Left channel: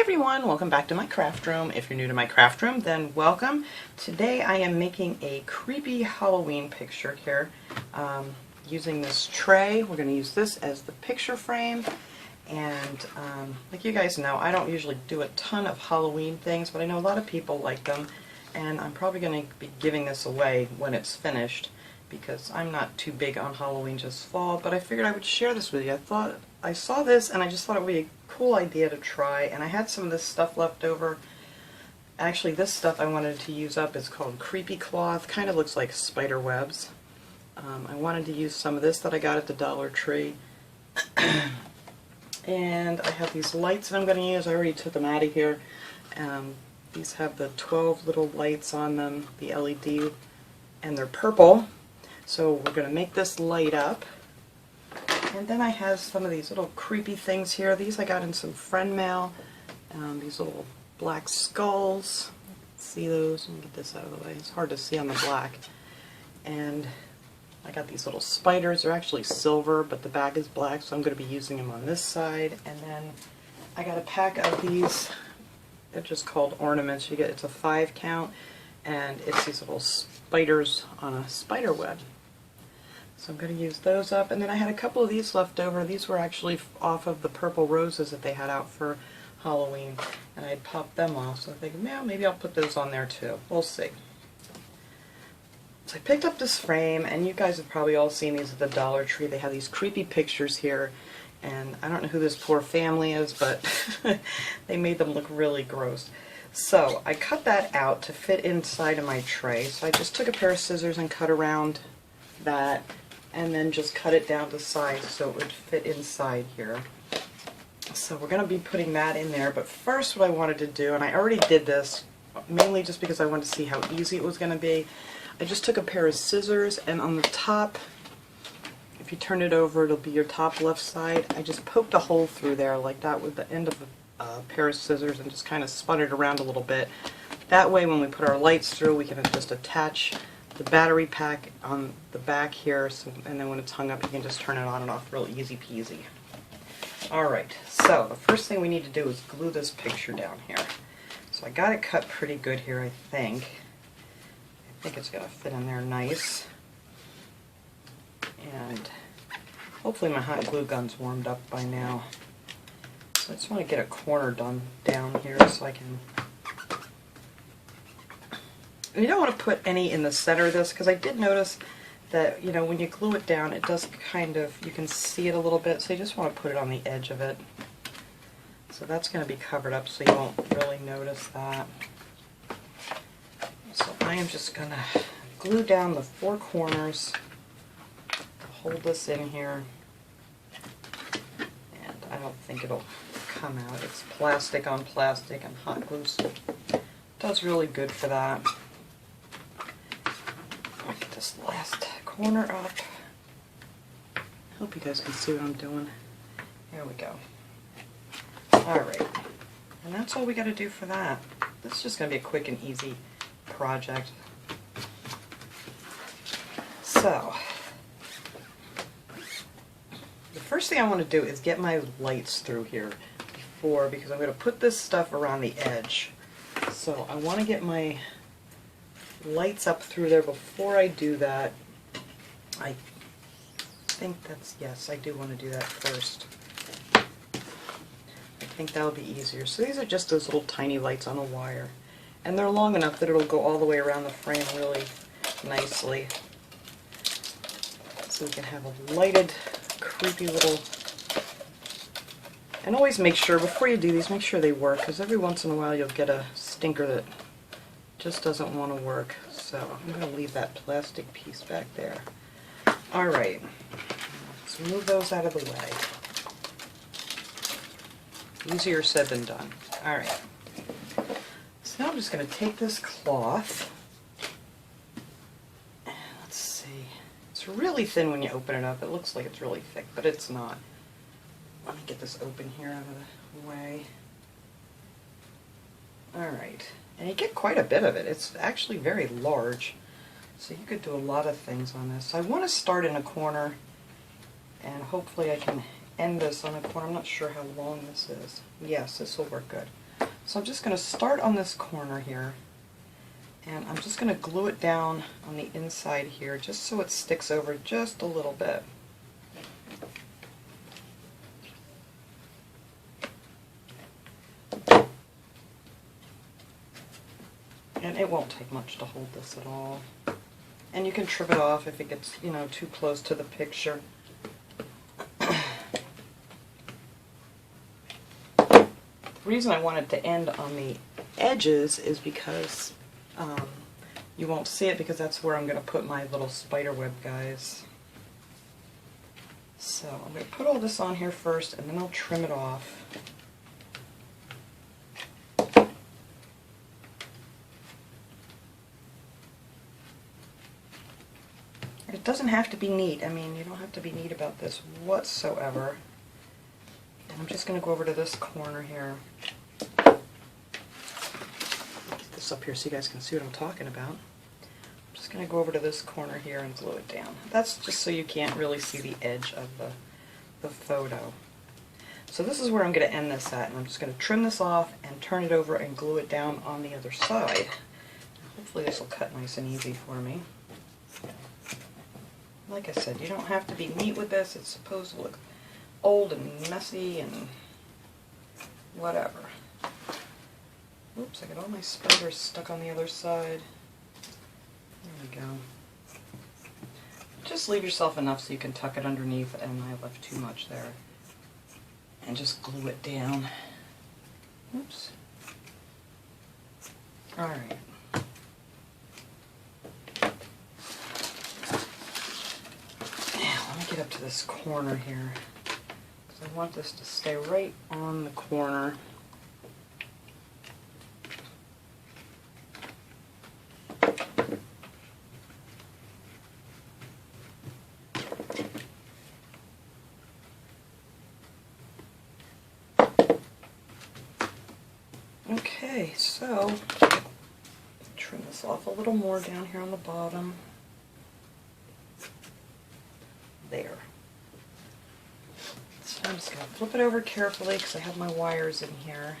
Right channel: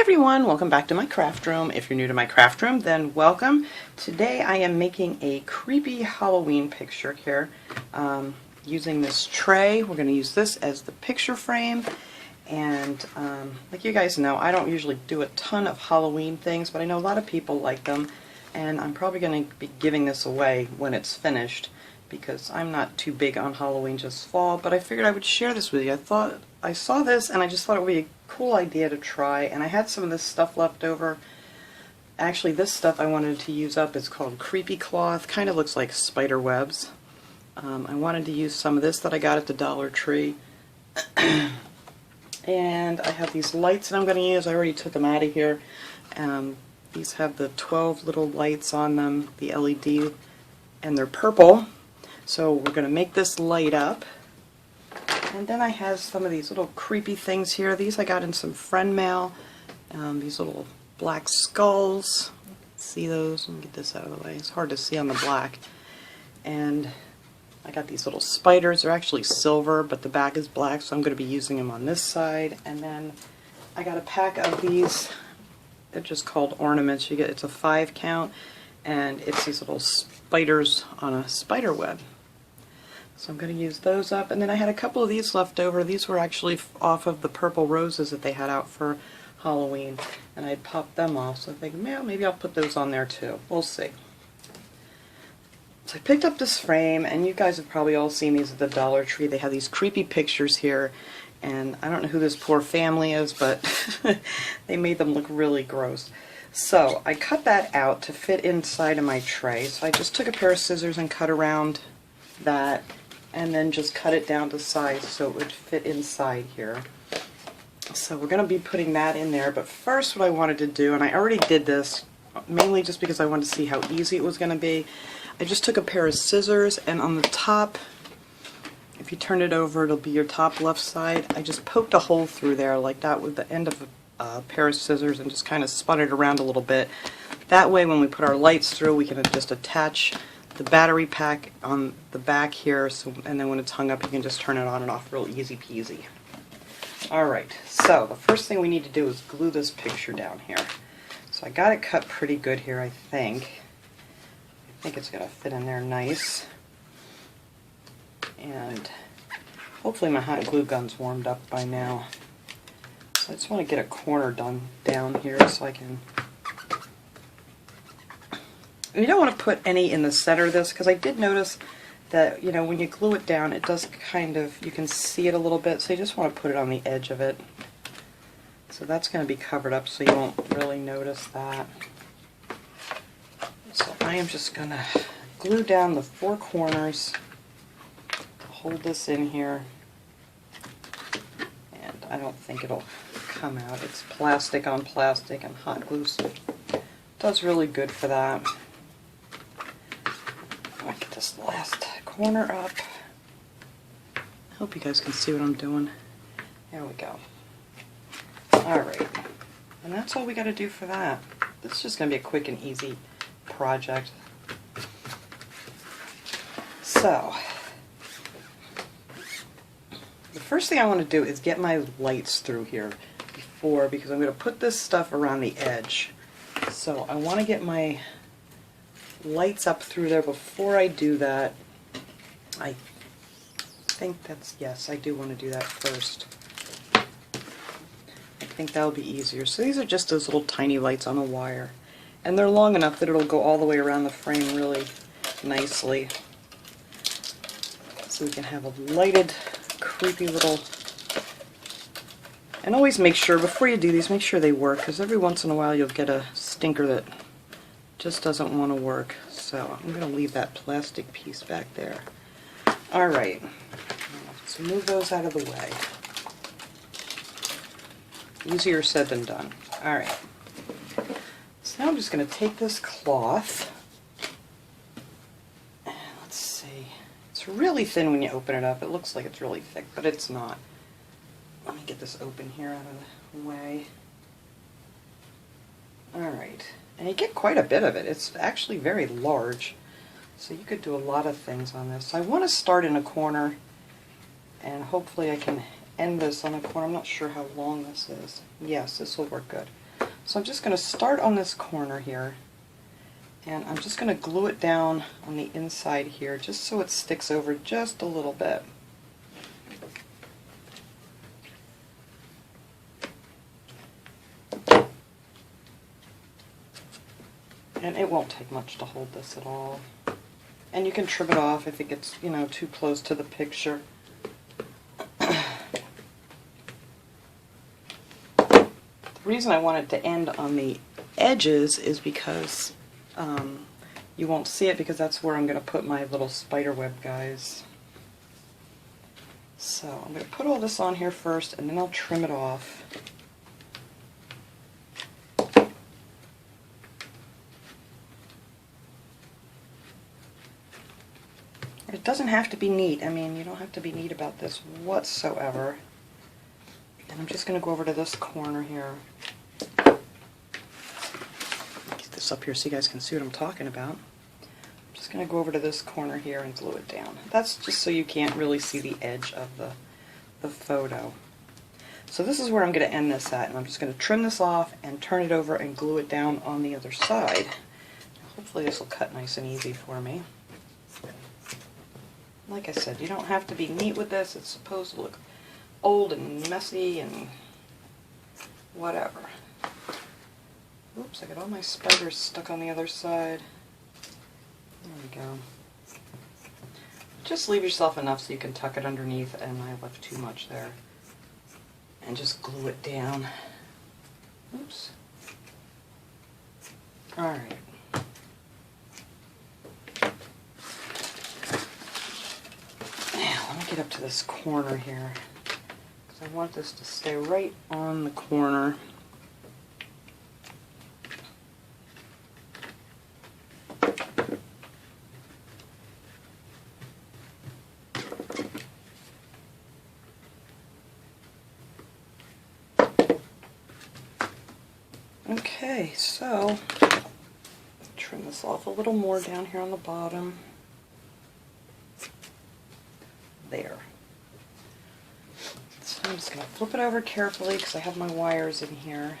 everyone, welcome back to my craft room. If you're new to my craft room, then welcome. Today I am making a creepy Halloween picture here using this tray. We're going to use this as the picture frame, and like you guys know, I don't usually do a ton of Halloween things, but I know a lot of people like them, and I'm probably going to be giving this away when it's finished because I'm not too big on Halloween, just fall, but I figured I would share this with you. I saw this and I just thought it would be a cool idea to try, and I had some of this stuff left over. Actually, this stuff I wanted to use up is called creepy cloth, kind of looks like spider webs. I wanted to use some of this that I got at the Dollar Tree. And I have these lights that I'm going to use. I already took them out of here. These have the 12 little lights on them, the LED, and they're purple. So we're going to make this light up. And then I have some of these little creepy things here. These I got in some friend mail. These little black skulls. See those? Let me get this out of the way. It's hard to see on the black. And I got these little spiders. They're actually silver, but the back is black, so I'm going to be using them on this side. And then I got a pack of these. They're just called ornaments. It's a 5 count, and it's these little spiders on a spider web. So I'm going to use those up, and then I had a couple of these left over. These were actually off of the purple roses that they had out for Halloween, and I had popped them off, so I think, well, maybe I'll put those on there too. We'll see. So I picked up this frame, and you guys have probably all seen these at the Dollar Tree. They have these creepy pictures here, and I don't know who this poor family is, but they made them look really gross. So I cut that out to fit inside of my tray. So I just took a pair of scissors and cut around that, and then just cut it down to size so it would fit inside here. So we're going to be putting that in there, but first what I wanted to do, and I already did this mainly just because I wanted to see how easy it was going to be, I just took a pair of scissors, and on the top, if you turn it over, it'll be your top left side. I just poked a hole through there like that with the end of a pair of scissors and just kind of spun it around a little bit. That way when we put our lights through, we can just attach the battery pack on the back here, and then when it's hung up, you can just turn it on and off real easy peasy. Alright, so the first thing we need to do is glue this picture down here. So I got it cut pretty good here, I think. I think it's going to fit in there nice. And hopefully my hot glue gun's warmed up by now. So I just want to get a corner done down here so I can... You don't want to put any in the center of this, because I did notice that, you know, when you glue it down, it does kind of, you can see it a little bit, so you just want to put it on the edge of it. So that's going to be covered up, so you won't really notice that. So I am just going to glue down the 4 corners to hold this in here. And I don't think it'll come out. It's plastic on plastic, and hot glue does really good for that. I'll get this last corner up. I hope you guys can see what I'm doing. There we go. Alright, and that's all we got to do for that. This is just going to be a quick and easy project. So, the first thing I want to do is get my lights through here because I'm going to put this stuff around the edge. So I want to get my lights up through there before I do that. I think that's, yes, I do want to do that first. I think that'll be easier. So these are just those little tiny lights on a wire. And they're long enough that it'll go all the way around the frame really nicely. So we can have a lighted, creepy little... And always make sure, before you do these, make sure they work, because every once in a while you'll get a stinker that just doesn't want to work. So I'm going to leave that plastic piece back there. Alright, so move those out of the way. Easier said than done. Alright, so now I'm just going to take this cloth, and let's see, it's really thin when you open it up. It looks like it's really thick, but it's not. Let me get this open here out of the way. Alright, and you get quite a bit of it. It's actually very large, so you could do a lot of things on this. So I want to start in a corner, and hopefully I can end this on a corner. I'm not sure how long this is. Yes, this will work good. So I'm just going to start on this corner here, and I'm just going to glue it down on the inside here just so it sticks over just a little bit. And it won't take much to hold this at all. And you can trim it off if it gets, you know, too close to the picture. The reason I wanted to end on the edges is because you won't see it, because that's where I'm going to put my little spiderweb guys. So I'm going to put all this on here first, and then I'll trim it off. It doesn't have to be neat. I mean, you don't have to be neat about this whatsoever. And I'm just going to go over to this corner here. Get this up here so you guys can see what I'm talking about. I'm just going to go over to this corner here and glue it down. That's just so you can't really see the edge of the photo. So this is where I'm going to end this at, and I'm just going to trim this off and turn it over and glue it down on the other side. Hopefully this will cut nice and easy for me. Like I said, you don't have to be neat with this. It's supposed to look old and messy and whatever. Oops, I got all my spiders stuck on the other side. There we go. Just leave yourself enough so you can tuck it underneath, and I left too much there. And just glue it down. Oops. Alright. Let me get up to this corner here, because I want this to stay right on the corner. Okay, so trim this off a little more down here on the bottom. There. So I'm just going to flip it over carefully because I have my wires in here.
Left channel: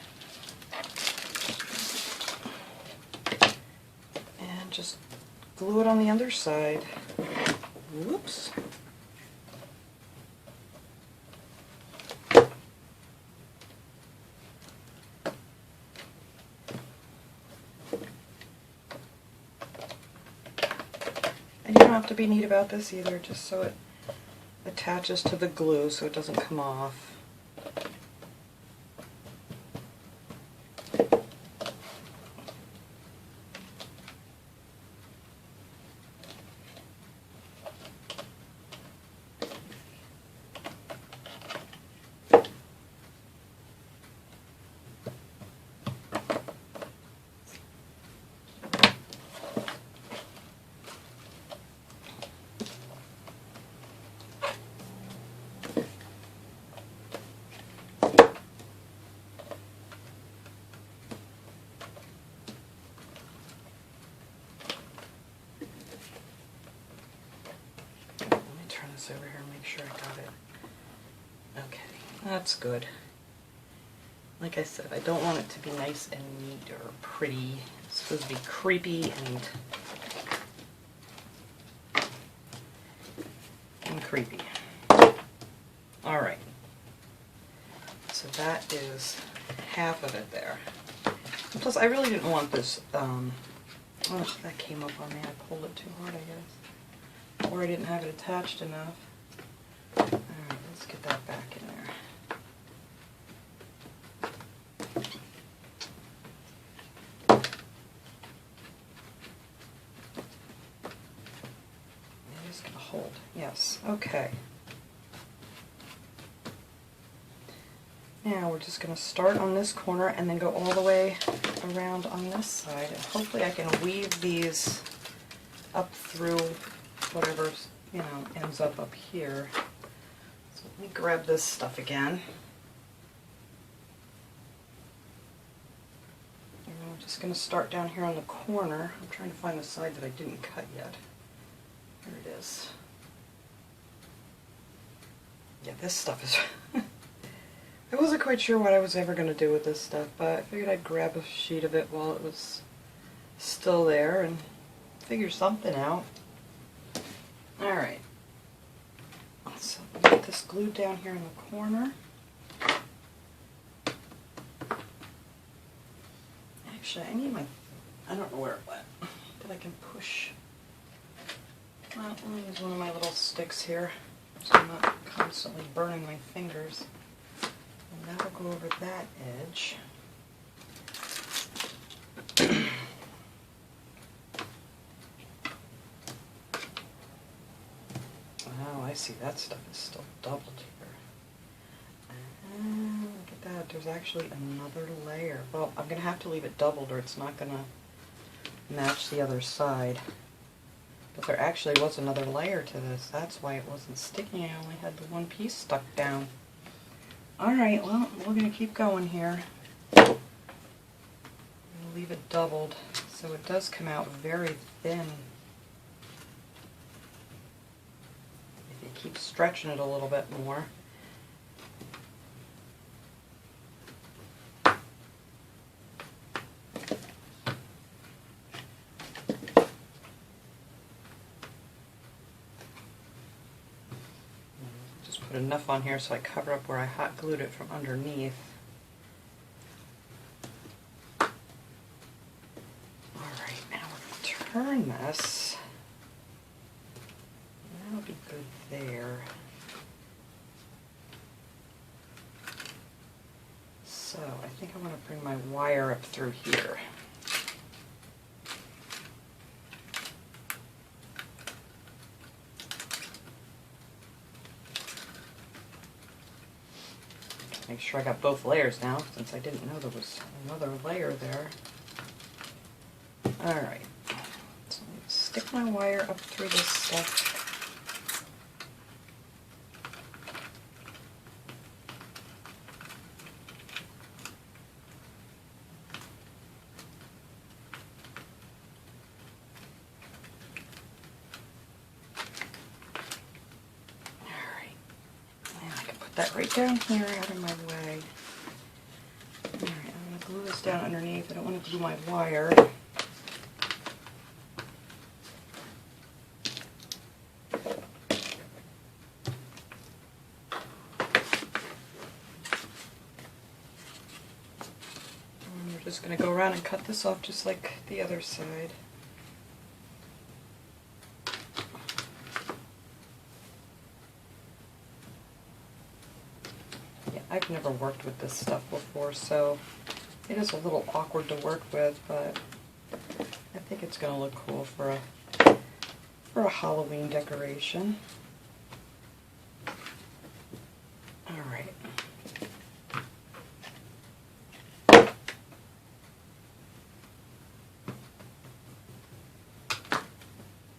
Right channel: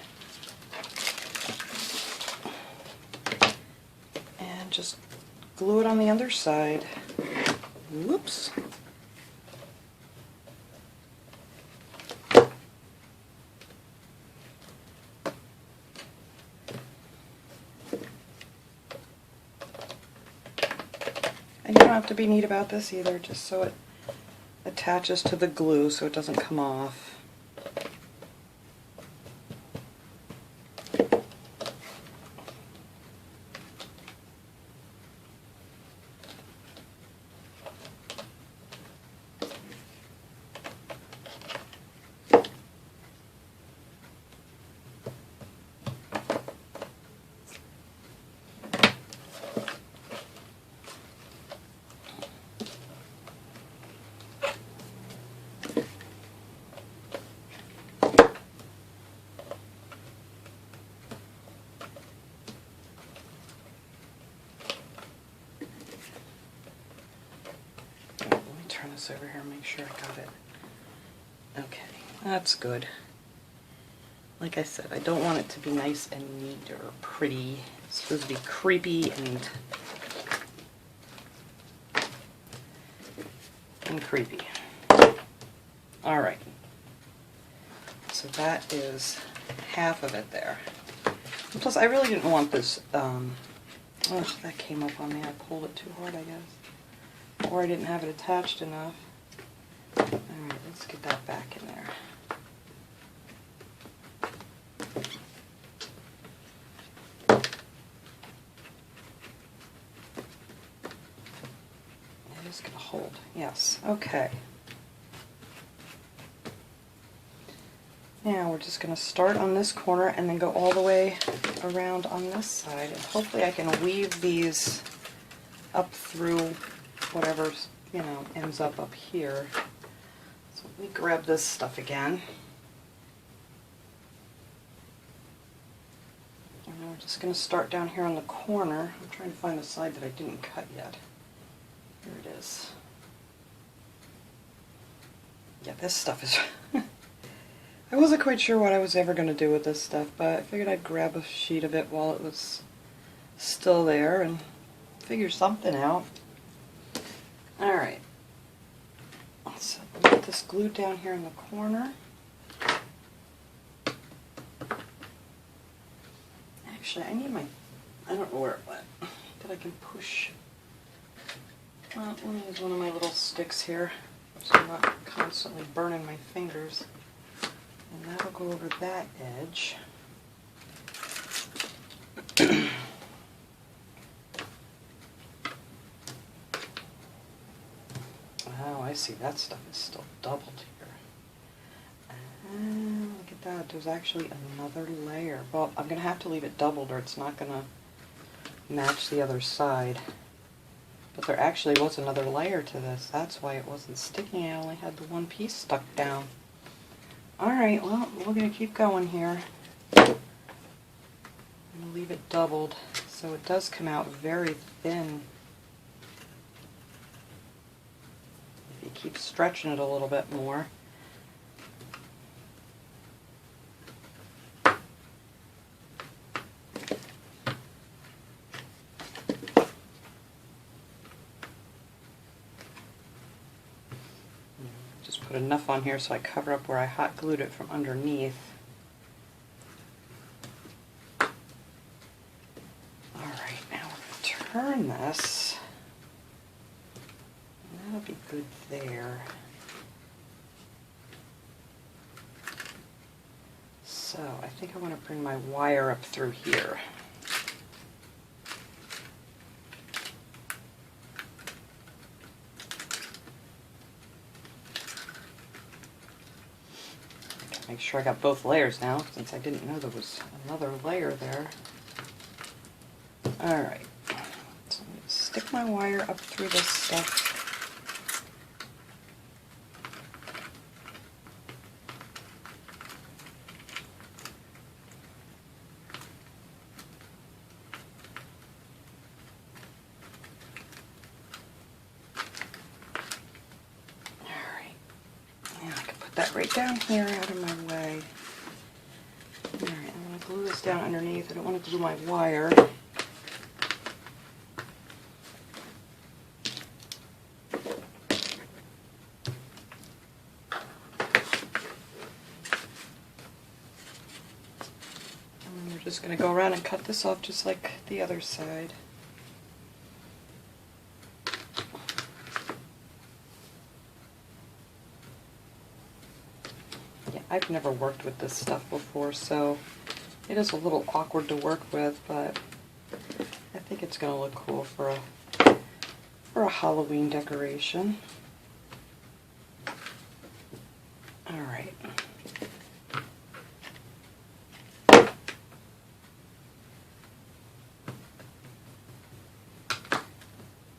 And just glue it on the other side. Whoops. And you don't have to be neat about this either, just so it attaches to the glue so it doesn't come off. Over here, make sure I got it. Okay, that's good. Like I said, I don't want it to be nice and neat or pretty. It's supposed to be creepy and creepy. Alright. So that is half of it there. And plus, I really didn't want this, oh, that came up on me. I pulled it too hard, I guess. Or I didn't have it attached enough. Alright, let's get that back in there. It is going to hold. Yes, okay. Now we're just going to start on this corner and then go all the way around on this side. And hopefully I can weave these up through whatever, you know, ends up here. So let me grab this stuff again. And I'm just going to start down here on the corner. I'm trying to find the side that I didn't cut yet. Here it is. Yeah, this stuff is I wasn't quite sure what I was ever going to do with this stuff, but I figured I'd grab a sheet of it while it was still there and figure something out. Alright, so I'll get this glued down here in the corner. Actually, I need my, I don't know where it went, that I can push. Well, let me use one of my little sticks here so I'm not constantly burning my fingers. And that'll go over that edge. Oh, I see, that stuff is still doubled here. And look at that, there's actually another layer. Well, I'm going to have to leave it doubled or it's not going to match the other side. But there actually was another layer to this. That's why it wasn't sticking. I only had the one piece stuck down. Alright, well, we're going to keep going here. I'm going to leave it doubled so it does come out very thin. If you keep stretching it a little bit more. Put enough on here so I cover up where I hot glued it from underneath. Alright, now we're going to turn this. That'll be good there. So I think I want to bring my wire up through here. Make sure I got both layers now, since I didn't know there was another layer there. Alright, so I'm going to stick my wire up through this stuff. That right down here out of my way. Alright, I'm going to glue this down underneath. I don't want to glue my wire. And we're just going to go around and cut this off just like the other side. I've never worked with this stuff before, so it is a little awkward to work with, but I think it's going to look cool for a Halloween decoration. Alright.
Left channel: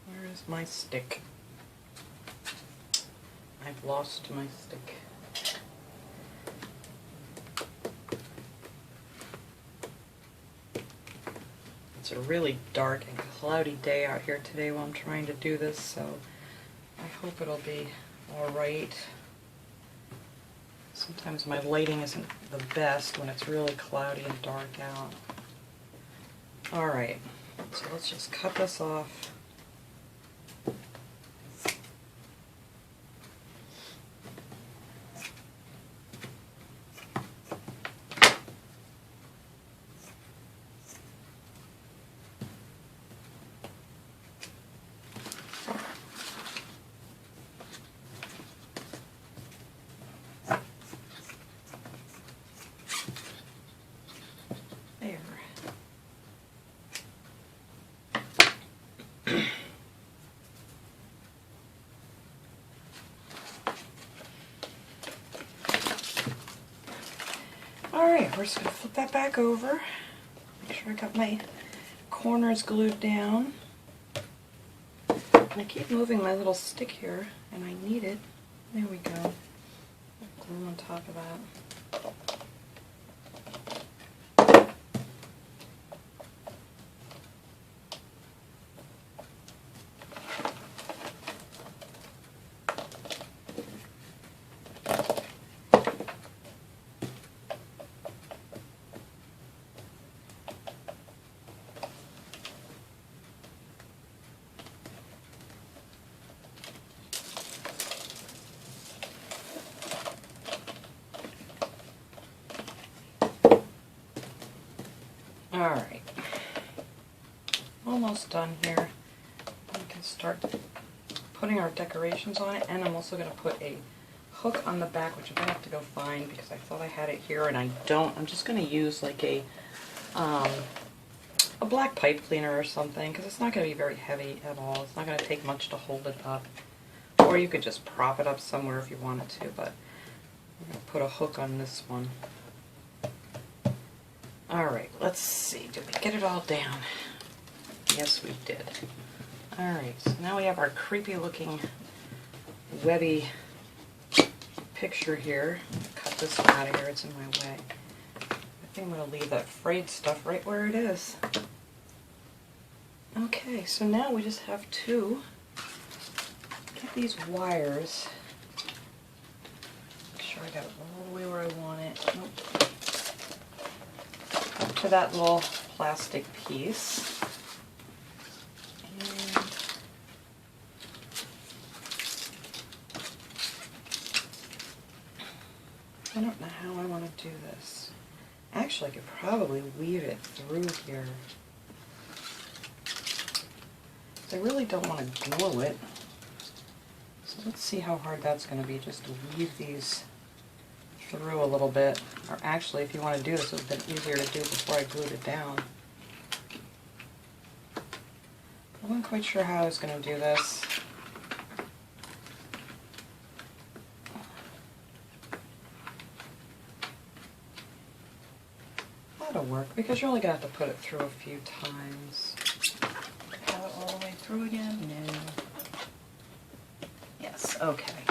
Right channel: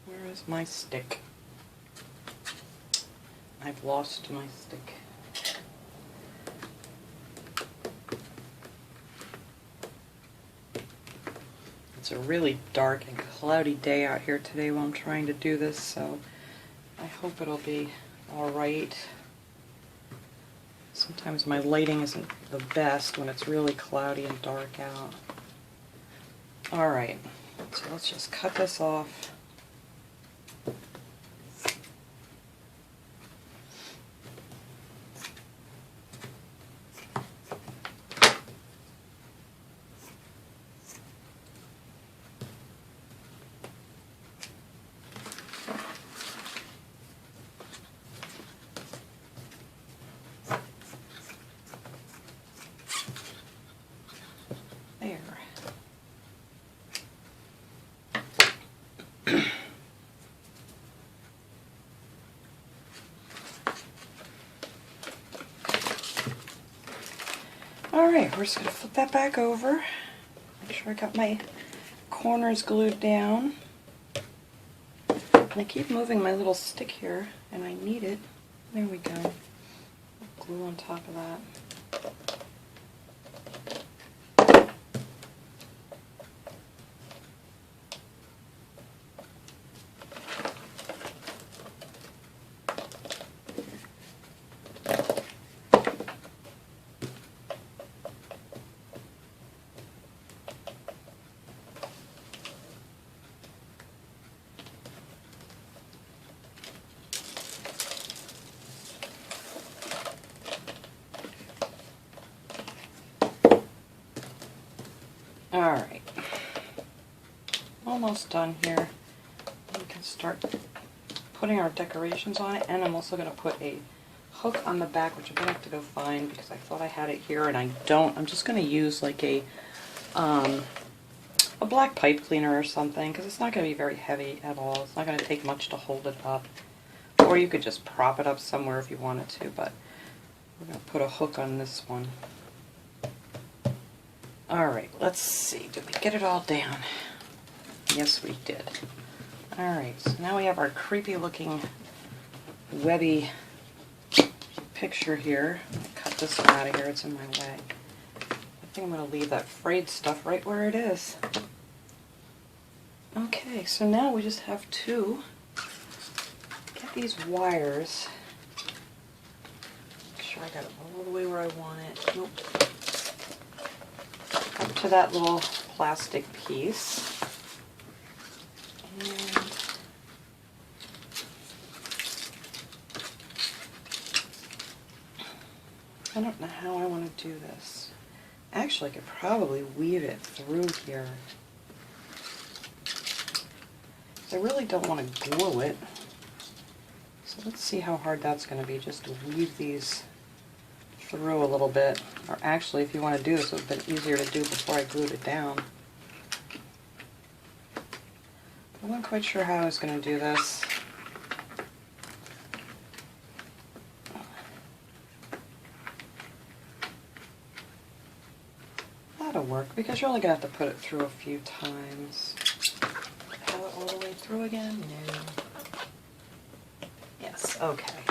Where is my stick? I've lost my stick. It's a really dark and cloudy day out here today while I'm trying to do this, so I hope it'll be alright. Sometimes my lighting isn't the best when it's really cloudy and dark out. Alright, so let's just cut this off. Alright, we're just going to flip that back over. Make sure I got my corners glued down. And I keep moving my little stick here, and I need it. There we go. Glue on top of that. Alright, almost done here. We can start putting our decorations on it, and I'm also going to put a hook on the back, which I'm going to have to go find because I thought I had it here and I don't. I'm just going to use like a black pipe cleaner or something, because it's not going to be very heavy at all. It's not going to take much to hold it up. Or you could just prop it up somewhere if you wanted to, but we're going to put a hook on this one. Alright, let's see. Did we get it all down? Yes, we did. Alright, so now we have our creepy looking webby picture here. I'm going to cut this one out of here. It's in my way. I think I'm going to leave that frayed stuff right where it is. Okay, so now we just have to get these wires. Make sure I got it all the way where I want it. Nope. Up to that little plastic piece. And I don't know how I want to do this. Actually, I could probably weave it through here. I really don't want to glue it. So let's see how hard that's going to be, just to weave these through a little bit. Or actually, if you want to do this, it would have been easier to do before I glued it down. I wasn't quite sure how I was going to do this. That'll work, because you're only going to have to put it through a few times. Have it all the way through again? No. Yes, okay.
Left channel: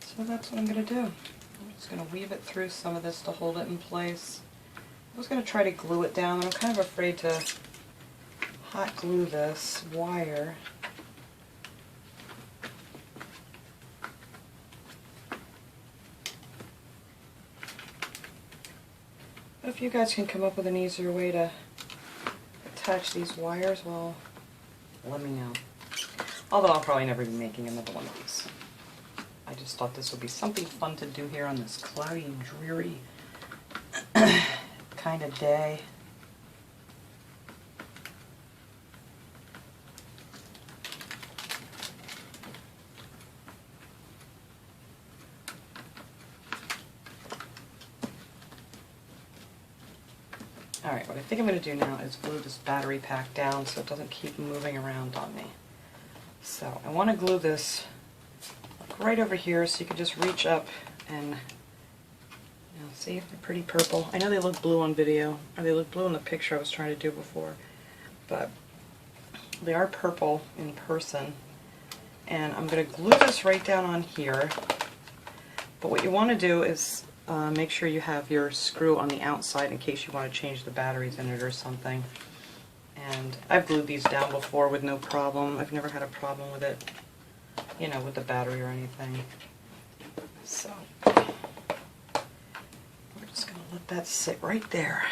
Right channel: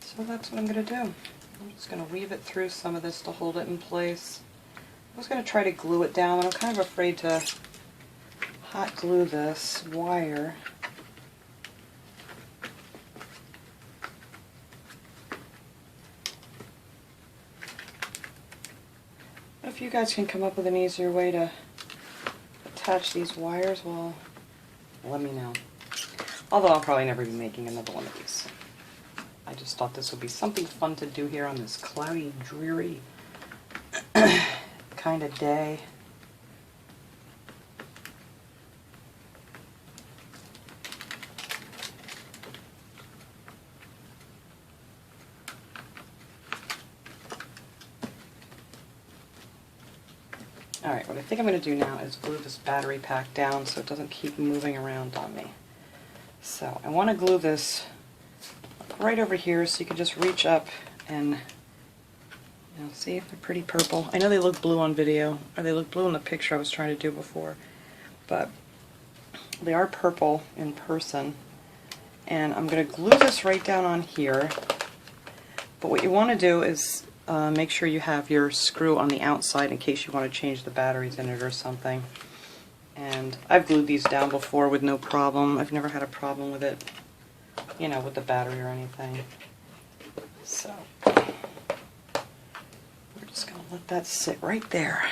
So that's what I'm going to do. I'm just going to weave it through some of this to hold it in place. I was going to try to glue it down, and I'm kind of afraid to hot glue this wire. If you guys can come up with an easier way to attach these wires, well, let me know. Although I'll probably never be making another one of these. I just thought this would be something fun to do here on this cloudy, dreary kind of day. Alright, what I think I'm going to do now is glue this battery pack down so it doesn't keep moving around on me. So I want to glue this right over here so you can just reach up and see if they're pretty purple. I know they look blue on video, or they look blue in the picture I was trying to do before, but they are purple in person. And I'm going to glue this right down on here, but what you want to do is make sure you have your screw on the outside in case you want to change the batteries in it or something. And I've glued these down before with no problem. I've never had a problem with it, you know, with the battery or anything. So we're just going to let that sit right there.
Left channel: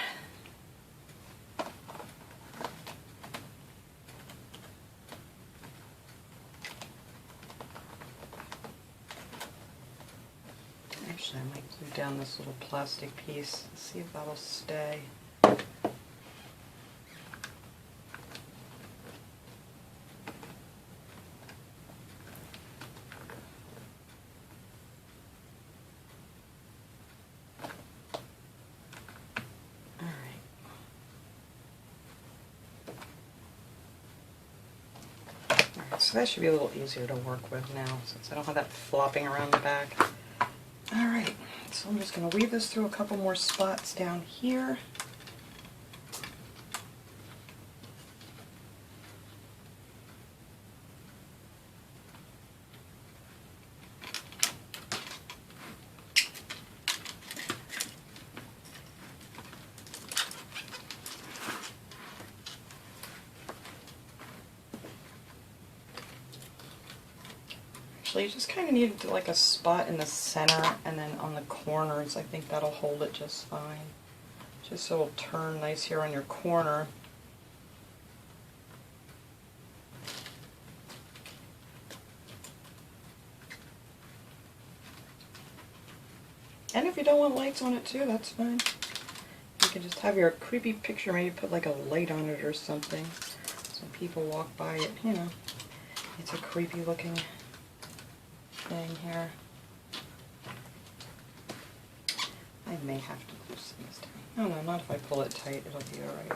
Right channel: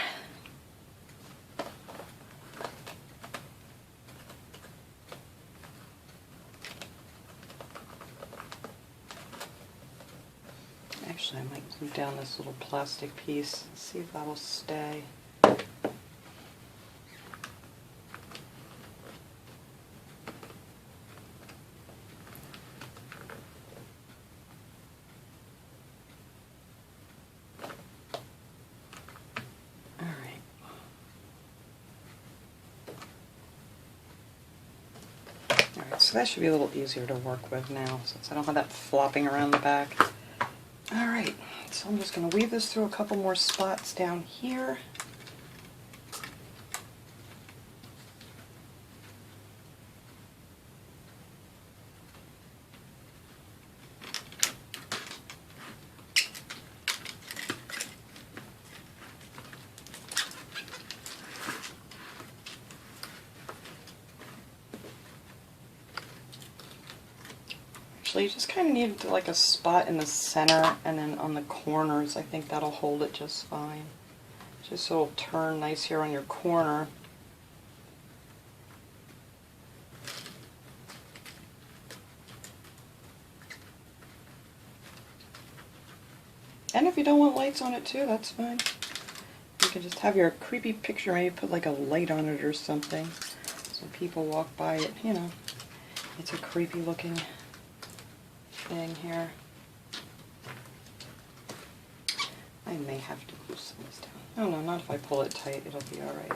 Actually, I might glue down this little plastic piece, see if that'll stay. So that should be a little easier to work with now, since I don't have that flopping around the back. Alright, so I'm just going to weave this through a couple more spots down here. You just kind of need like a spot in the center, and then on the corners I think that'll hold it just fine. Just so it'll turn nice here on your corner. And if you don't want lights on it too, that's fine. You could just have your creepy picture, maybe put like a light on it or something. So when people walk by it, you know, it's a creepy looking thing here. I may have to glue some this time. Oh no, not if I pull it tight, it'll be alright.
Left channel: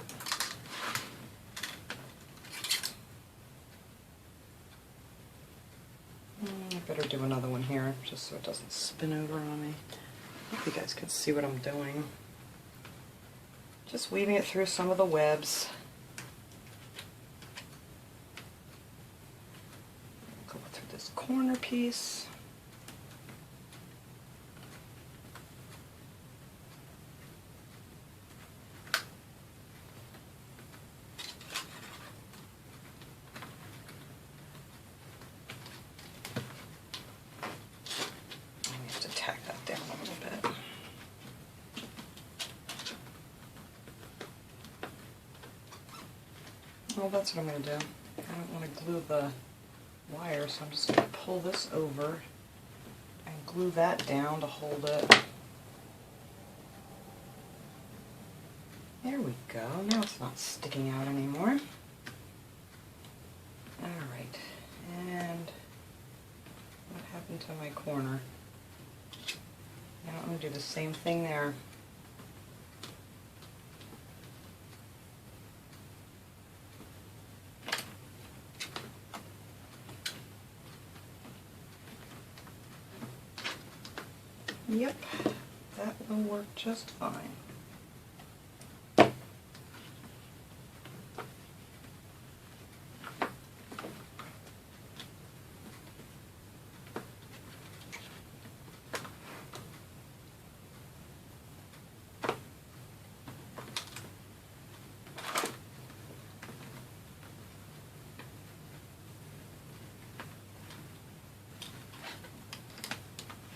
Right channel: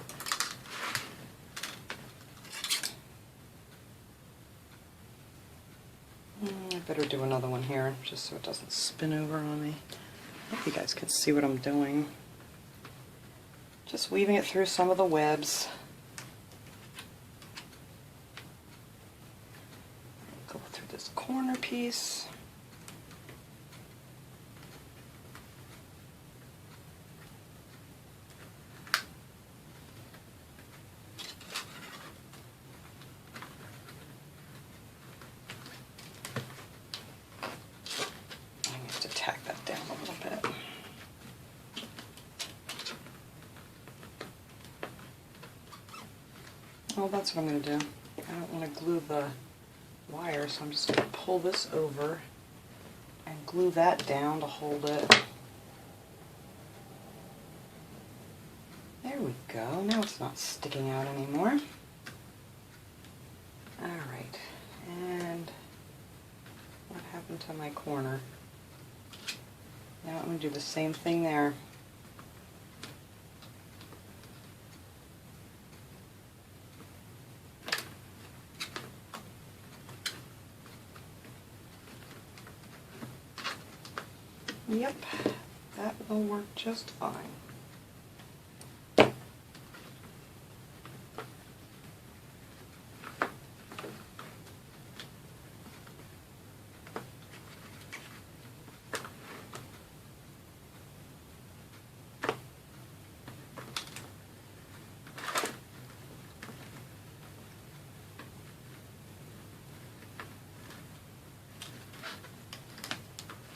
I better do another one here, just so it doesn't spin over on me. I hope you guys can see what I'm doing. Just weaving it through some of the webs. Go through this corner piece. Tack that down a little bit. Well, that's what I'm going to do. I don't want to glue the wire, so I'm just going to pull this over and glue that down to hold it. There we go. Now it's not sticking out anymore. Alright, and what happened to my corner? Now I'm going to do the same thing there. Yep, that will work just fine.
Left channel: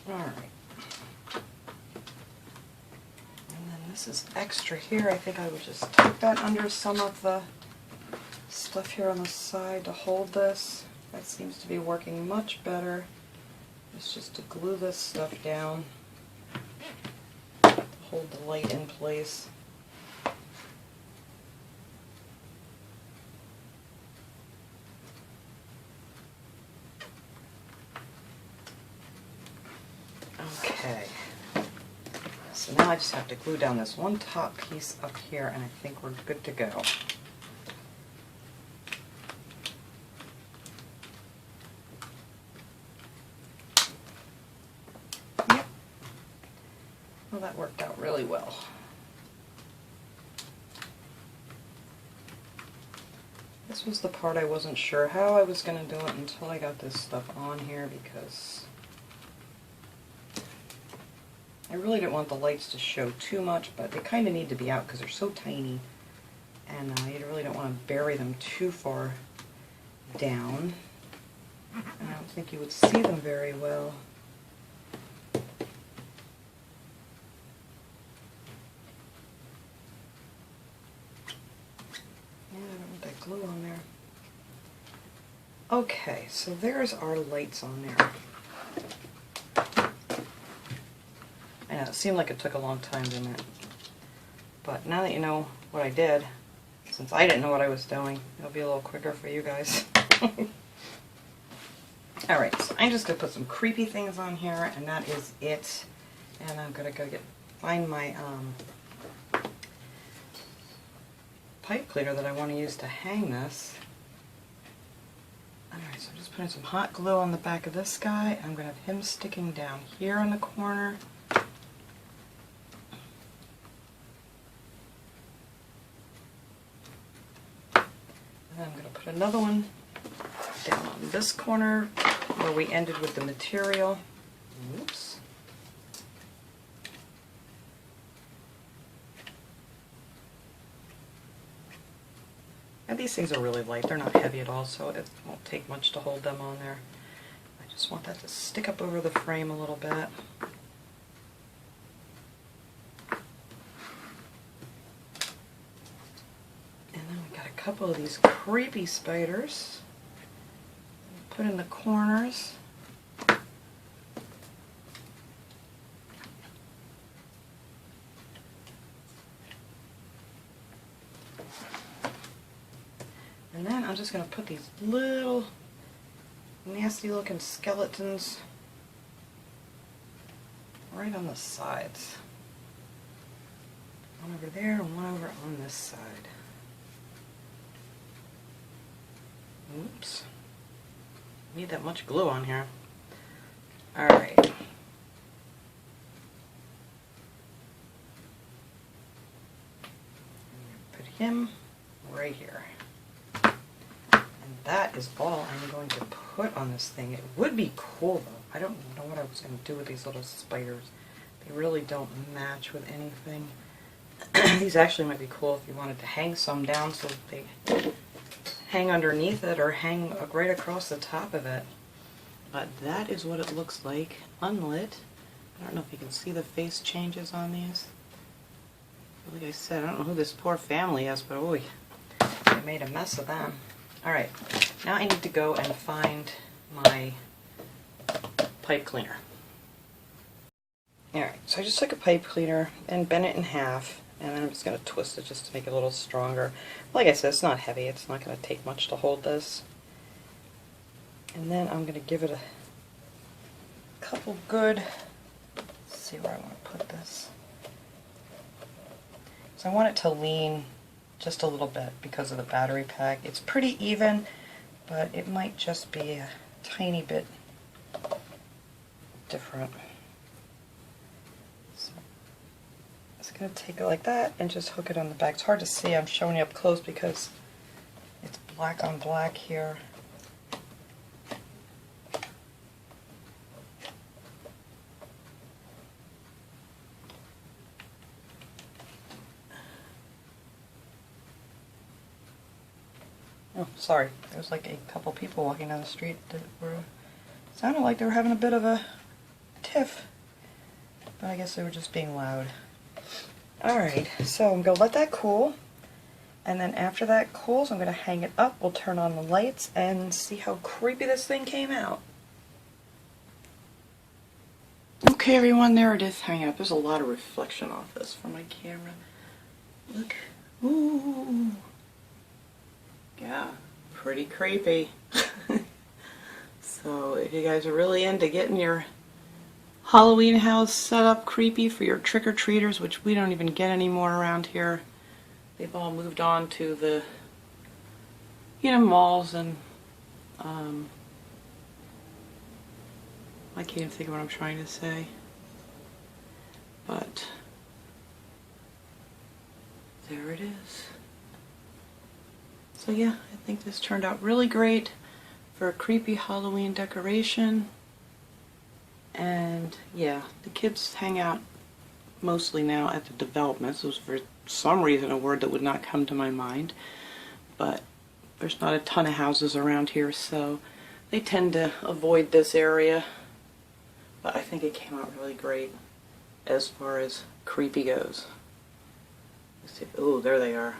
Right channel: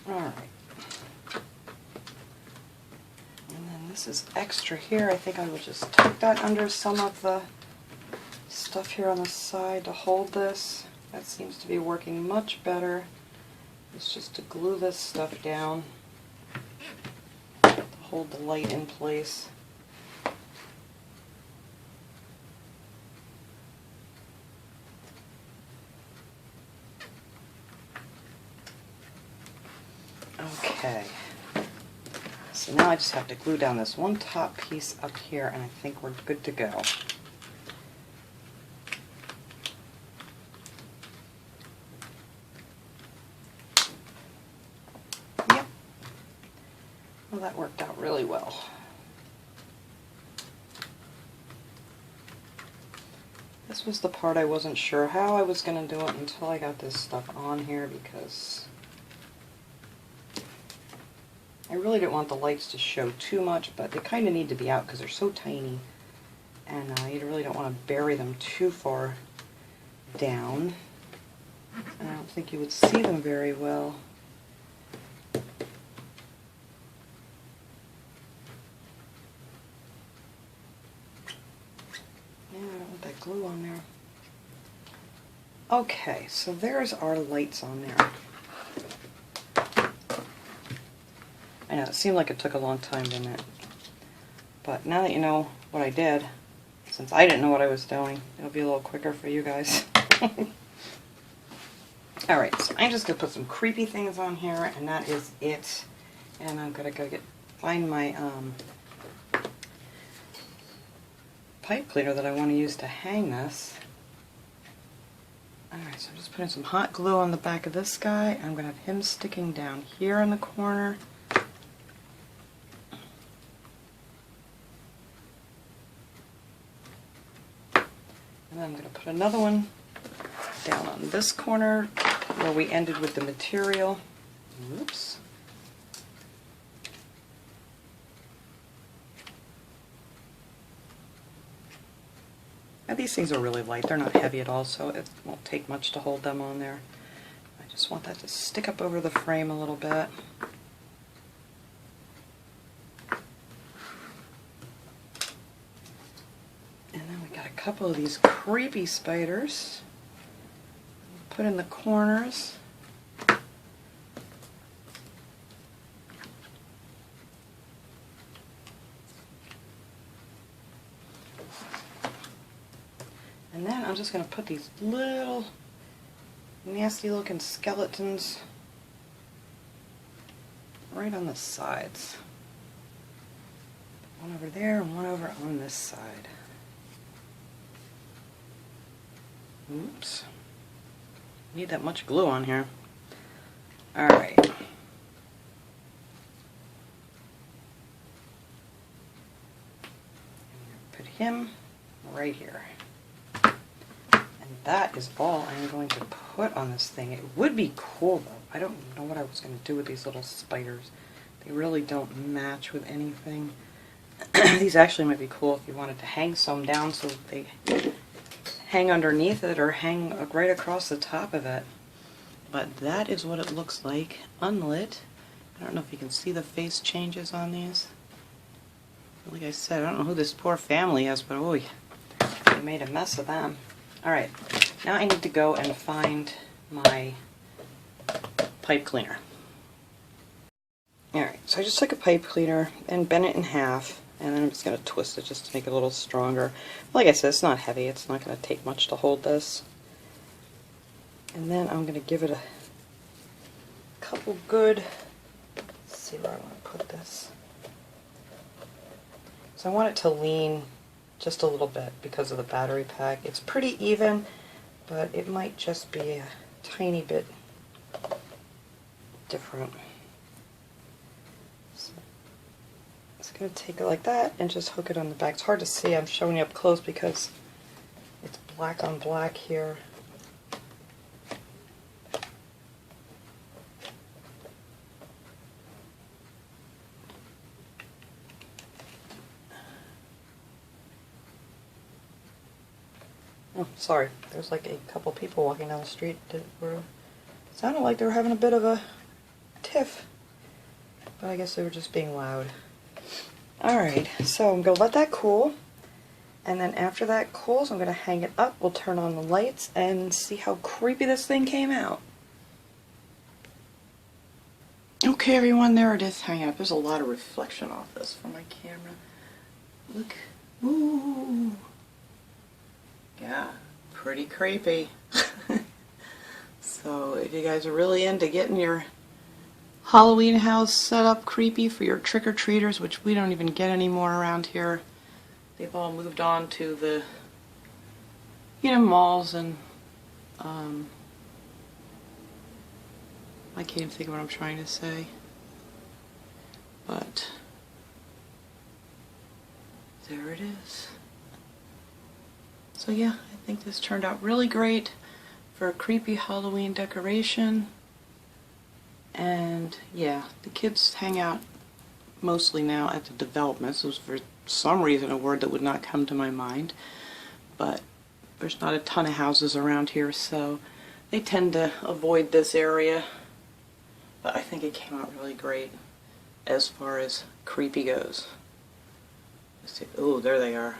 Alright. And then this is extra here. I think I will just tuck that under some of the stuff here on the side to hold this. That seems to be working much better. It's just to glue this stuff down to hold the light in place. Okay, so now I just have to glue down this one top piece up here, and I think we're good to go. Yep. Well, that worked out really well. This was the part I wasn't sure how I was going to do it until I got this stuff on here, because I really didn't want the lights to show too much, but they kind of need to be out because they're so tiny, and you really don't want to bury them too far down. I don't think you would see them very well. Yeah, I don't want that glue on there. Okay, so there's our lights on there. I know, it seemed like it took a long time, didn't it? But now that you know what I did, since I didn't know what I was doing, it'll be a little quicker for you guys. Alright, so I'm just going to put some creepy things on here, and that is it. And I'm going to go find my pipe cleaner that I want to use to hang this. Alright, so I'm just putting some hot glue on the back of this guy. I'm going to have him sticking down here in the corner. And I'm going to put another one down on this corner where we ended with the material. Oops. And these things are really light. They're not heavy at all, so it won't take much to hold them on there. I just want that to stick up over the frame a little bit. Couple of these creepy spiders, put in the corners. And then I'm just going to put these little nasty looking skeletons right on the sides. One over there and one over on this side. Oops. Need that much glue on here. Alright. Put him right here. And that is all I'm going to put on this thing. It would be cool though. I don't know what I was going to do with these little spiders. They really don't match with anything. These actually might be cool if you wanted to hang some down so that they hang underneath it or hang right across the top of it. But that is what it looks like unlit. I don't know if you can see the face changes on these. Like I said, I don't know who this poor family is, but ooh, they made a mess of them. Alright, now I need to go and find my pipe cleaner. Alright, so I just took a pipe cleaner and bent it in half, and I'm just going to twist it just to make it a little stronger. Like I said, it's not heavy, it's not going to take much to hold this. And then I'm going to give it a couple good, let's see where I want to put this. So I want it to lean just a little bit because of the battery pack. It's pretty even, but it might just be a tiny bit different. So it's going to take it like that and just hook it on the back. It's hard to see, I'm showing you up close because it's black on black here. Oh, sorry. There's like a couple people walking down the street that sounded like they were having a bit of a tiff. But I guess they were just being loud. Alright, so I'm going to let that cool. And then after that cools, I'm going to hang it up. We'll turn on the lights and see how creepy this thing came out. Okay, everyone, there it is hanging up. There's a lot of reflection off this from my camera. Look. Ooh. Yeah, pretty creepy. So if you guys are really into getting your Halloween house set up creepy for your trick-or-treaters, which we don't even get anymore around here, they've all moved on to the, malls and, I can't even think of what I'm trying to say, but there it is. So yeah, I think this turned out really great for a creepy Halloween decoration. And yeah, the kids hang out mostly now at the developments. This was for some reason a word that would not come to my mind. But there's not a ton of houses around here, so they tend to avoid this area. But I think it came out really great as far as creepy goes. Let's see. Oh, there they are.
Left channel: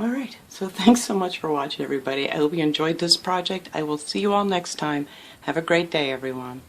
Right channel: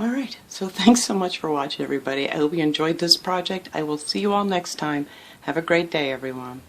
Alright, so thanks so much for watching, everybody. I hope you enjoyed this project. I will see you all next time. Have a great day, everyone.